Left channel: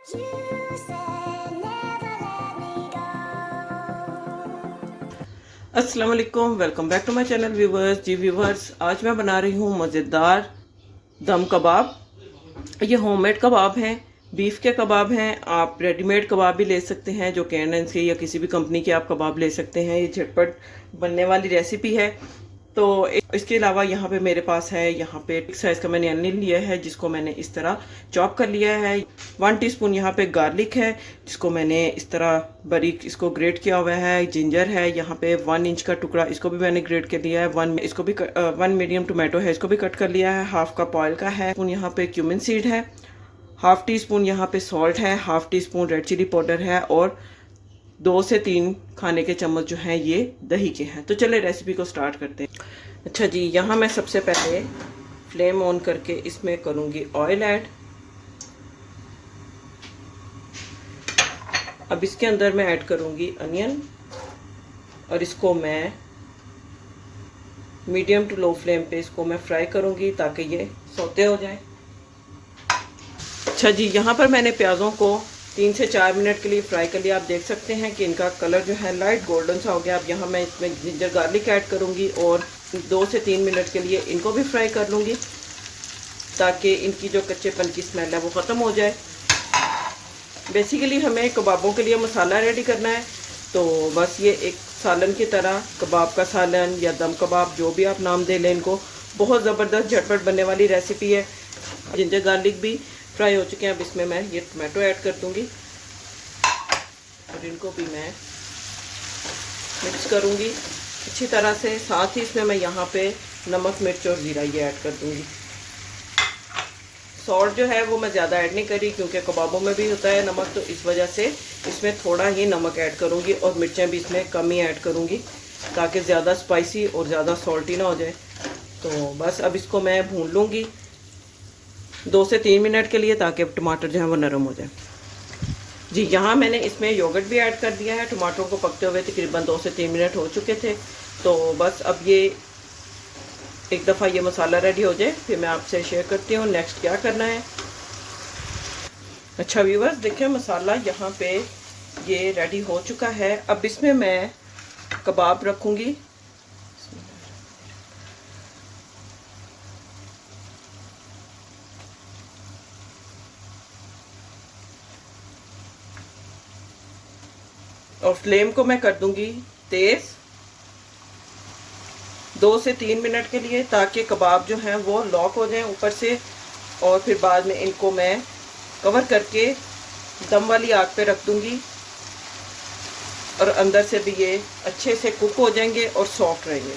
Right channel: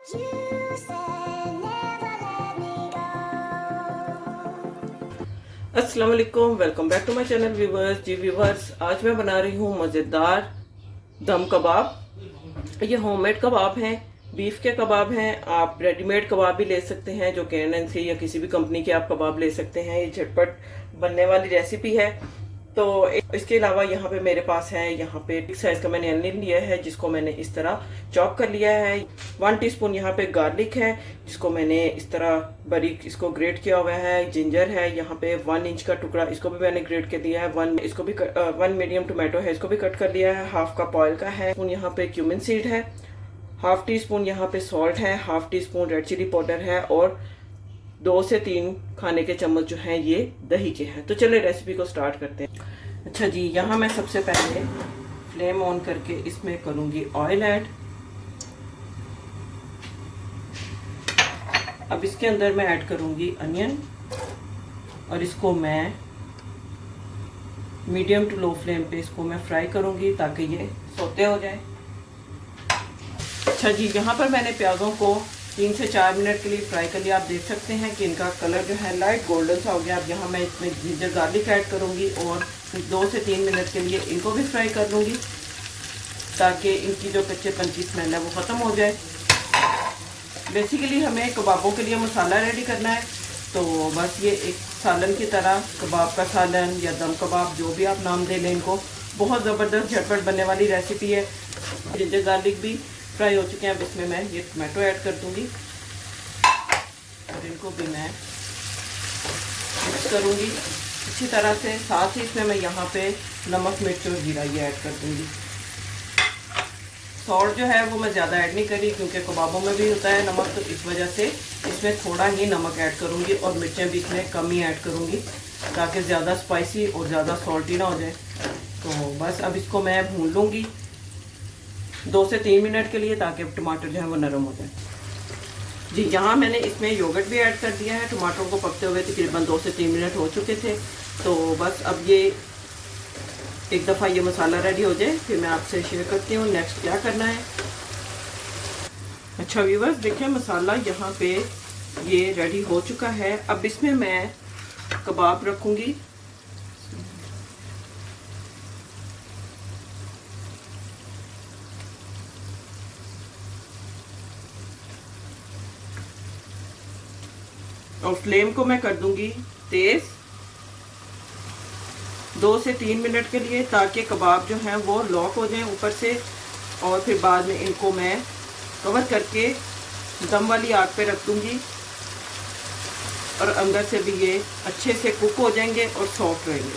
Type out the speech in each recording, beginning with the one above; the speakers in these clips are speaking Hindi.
अस्सलाम वालेकुम, welcome back to my channel viewers. जी व्यूवर्स, आज मैं बना रही हूँ मज़ेदार दम कबाब। ये होममेड कबाब हैं, बीफ के कबाब हैं। आप रेडीमेड कबाब भी ले सकते हैं, जो कैनन से या किसी भी कंपनी के आप कबाब ले सकते हैं। ये झटपट बनने वाली रेसिपी है। तो इसके अलावा यहाँ पे मेरे पास है, यहाँ पे एक साइज का मैंने अनियन लिया है, जिसको मैंने इस तरह चॉप कर लिया है। 1 टीस्पून यहाँ पे गार्लिक है, जिसको मैंने इस तरह बारीक इसको ग्रेट किया हुआ है। जिंजर है यहाँ पे 1 इंच का टुकड़ा, इसको भी मैंने ग्रेट कर दिया है। 1 मीडियम टोमेटो है, इसको भी कट कर लिया है। हाफ कप ऑयल का है। यहाँ पे क्यूमिन सीड है। हाफ टी स्पून यहाँ पे सॉल्ट है। Half teaspoon red chilli powder है। और 2 से 3 खाने के चम्मच जो हैं ये दही के हैं। तो चलिए रेसिपी को स्टार्ट करते हैं। अच्छा जी, यहाँ मैं सबसे पहले फ्लेम ऑन करके इसमें करूँगी ऑयल ऐड। अब इसके अंदर मैं ऐड करूँगी अनियन और इसको मैं मीडियम टू लो फ्लेम पे इसको मैं फ्राई करूँगी ताकि ये सौते हो जाए। अच्छा जी, यहाँ पर मैंने प्याज़ों को 3 से 4 मिनट के लिए फ्राई कर लिया। आप देख सकते हैं कि इनका कलर जो है लाइट गोल्डन सा हो गया। अब यहाँ मैं इसमें जिंजर गार्लिक ऐड करूँगी और 2 से 3 मिनट के लिए इनको भी फ्राई कर लूँगी ताकि इनकी जो कच्चेपन की स्मेल है वो ख़त्म हो जाए। बेसिकली हमें कबाबों के लिए मसाला रेडी करना है। तो बस ये एक सालन की तरह, कबाब का सालन या दम कबाब, जो भी आप नाम दे लें इनको, बहुत ज़बरदस्त झटपट बनने वाली रेसिपी है। जिंजर गार्लिक भी फ्राई हो चुके हैं। अब इसमें मैं ये टमाटो ऐड कर दूंगी और इनको भी मैं मिक्स करूंगी अच्छी तरह से। साथ ही इसमें मैं यहाँ पे नमक, मिर्च और जीरा ये ऐड कर दूंगी। सॉल्ट जो है वो मैं ज़्यादा ऐड नहीं करी, क्योंकि कबाबों में भी होता है नमक, तो इस वजह से इसमें थोड़ा ही नमक ऐड करूंगी और मिर्चें भी इसमें कम ही ऐड करूंगी ताकि ज़्यादा स्पाइसी और ज़्यादा सॉल्टी ना हो जाए। तो बस अब इसको मैं भून लूँगी 2 से 3 मिनट के लिए, ताकि टमाटर जो है वो नरम हो जाए। जी, यहाँ मैंने इसमें योगर्ट भी ऐड कर दिया है। टमाटर को पकते हुए तकरीबन 2 से 3 मिनट हो चुके थे। तो बस अब ये एक दफ़ा ये मसाला रेडी हो जाए फिर मैं आपसे शेयर करती हूँ नेक्स्ट क्या करना है। अच्छा व्यूवर्स, देखिए मसाला यहाँ पे ये रेडी हो चुका है। अब इसमें मैं कबाब रखूँगी। और फ्लेम को मैं कर दूंगी तेज 2 से 3 मिनट के लिए, ताकि कबाब जो है वो लॉक हो जाए ऊपर से। और फिर बाद में इनको मैं कवर करके दम वाली आग पे रख दूंगी और अंदर से भी ये अच्छे से कुक हो जाएंगे और सॉफ्ट रहेंगे।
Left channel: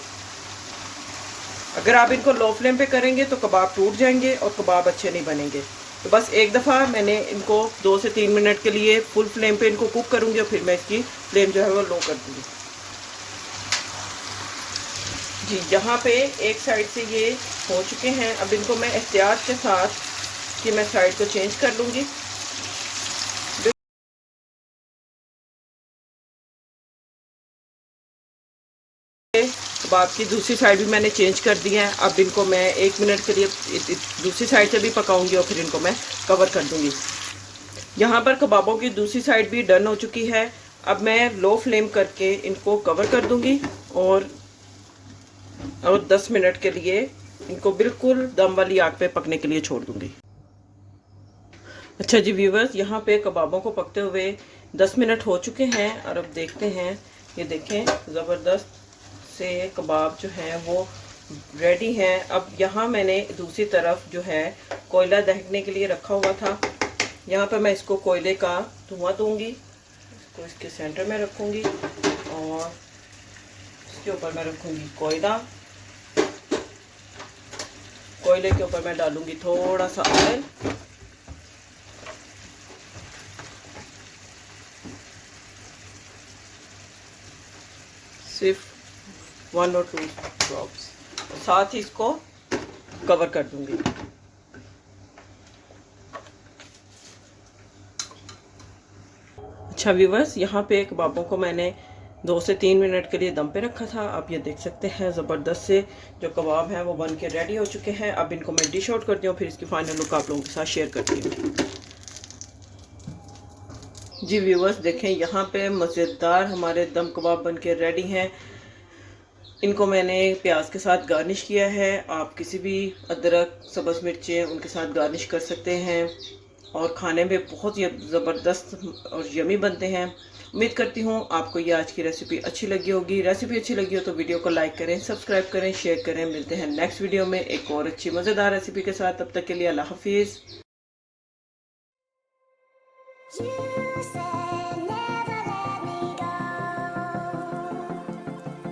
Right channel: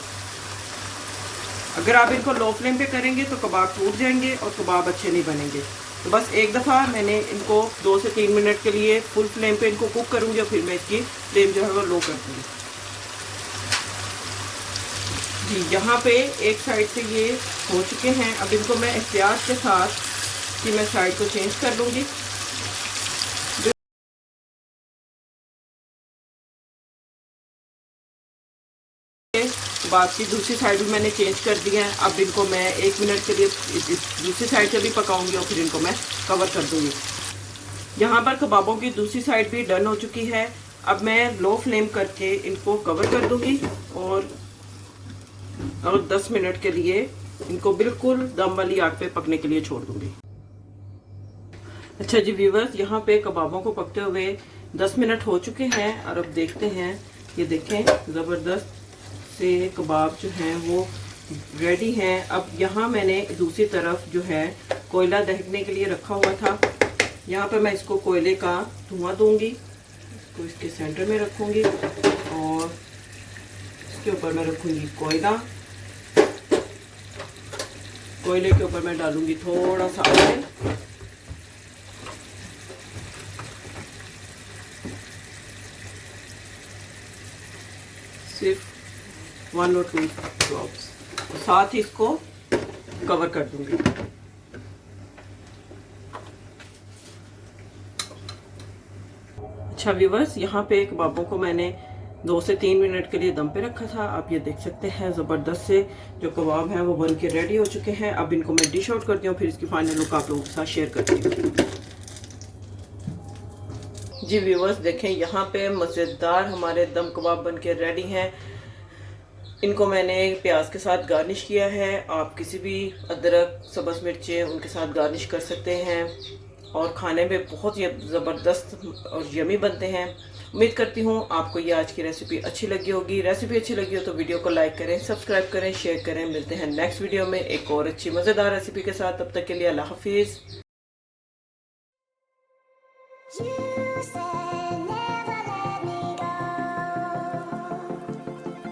अगर आप इनको लो फ्लेम पे करेंगे तो कबाब टूट जाएंगे और कबाब अच्छे नहीं बनेंगे। तो बस एक दफ़ा मैंने इनको 2 से 3 मिनट के लिए फुल फ्लेम पे इनको कुक करूँगी और फिर मैं इसकी फ्लेम जो है वो लो कर दूँगी। जी, यहाँ पे एक साइड से ये हो चुके हैं। अब इनको मैं एहतियात के साथ कि मैं साइड को चेंज कर लूँगी। कबाब की दूसरी साइड भी मैंने चेंज कर दी है। अब इनको मैं 1 मिनट के लिए दूसरी साइड से भी पकाऊंगी और फिर इनको मैं कवर कर दूंगी। यहाँ पर कबाबों की दूसरी साइड भी डन हो चुकी है। अब मैं लो फ्लेम करके इनको कवर कर दूंगी और 10 मिनट के लिए इनको बिल्कुल दम वाली आग पे पकने के लिए छोड़ दूंगी। अच्छा जी व्यूवर्स, यहाँ पे कबाबों को पकते हुए 10 मिनट हो चुके हैं और अब देखते हैं। ये देखें, ज़बरदस्त से कबाब जो हैं वो रेडी हैं। अब यहाँ मैंने दूसरी तरफ जो है कोयला दहकने के लिए रखा हुआ था। यहाँ पर मैं इसको कोयले का धुआं दूंगी, तो इसके सेंटर में रखूंगी और इसके ऊपर मैं रखूंगी कोयला। कोयले के ऊपर मैं डालूंगी थोड़ा सा ऑयल। सिर्फ 1 और 2 ड्रॉप्स, साथ ही इसको कवर कर दूंगी। अच्छा व्यूवर्स, यहाँ पे कबाबों को मैंने 2 से 3 मिनट के लिए दम पे रखा था। आप ये देख सकते हैं ज़बरदस्त से जो कबाब हैं वो बन के रेडी हो चुके हैं। अब इनको मैं डिश आउट करती हूँ, फिर इसकी फाइनल लुक आप लोगों के साथ शेयर करती हूँ। जी व्यूवर्स देखें, यहाँ पे मज़ेदार हमारे दम कबाब बन के रेडी हैं। इनको मैंने प्याज के साथ गार्निश किया है। आप किसी भी अदरक, सब्ज़ मिर्चें उनके साथ गार्निश कर सकते हैं और खाने में बहुत ही ज़बरदस्त और यमी बनते हैं। उम्मीद करती हूँ आपको ये आज की रेसिपी अच्छी लगी होगी। रेसिपी अच्छी लगी हो तो वीडियो को लाइक करें, सब्सक्राइब करें, शेयर करें। मिलते हैं नेक्स्ट वीडियो में एक और अच्छी मज़ेदार रेसिपी के साथ। तब तक के लिए अल्लाह हाफिज़।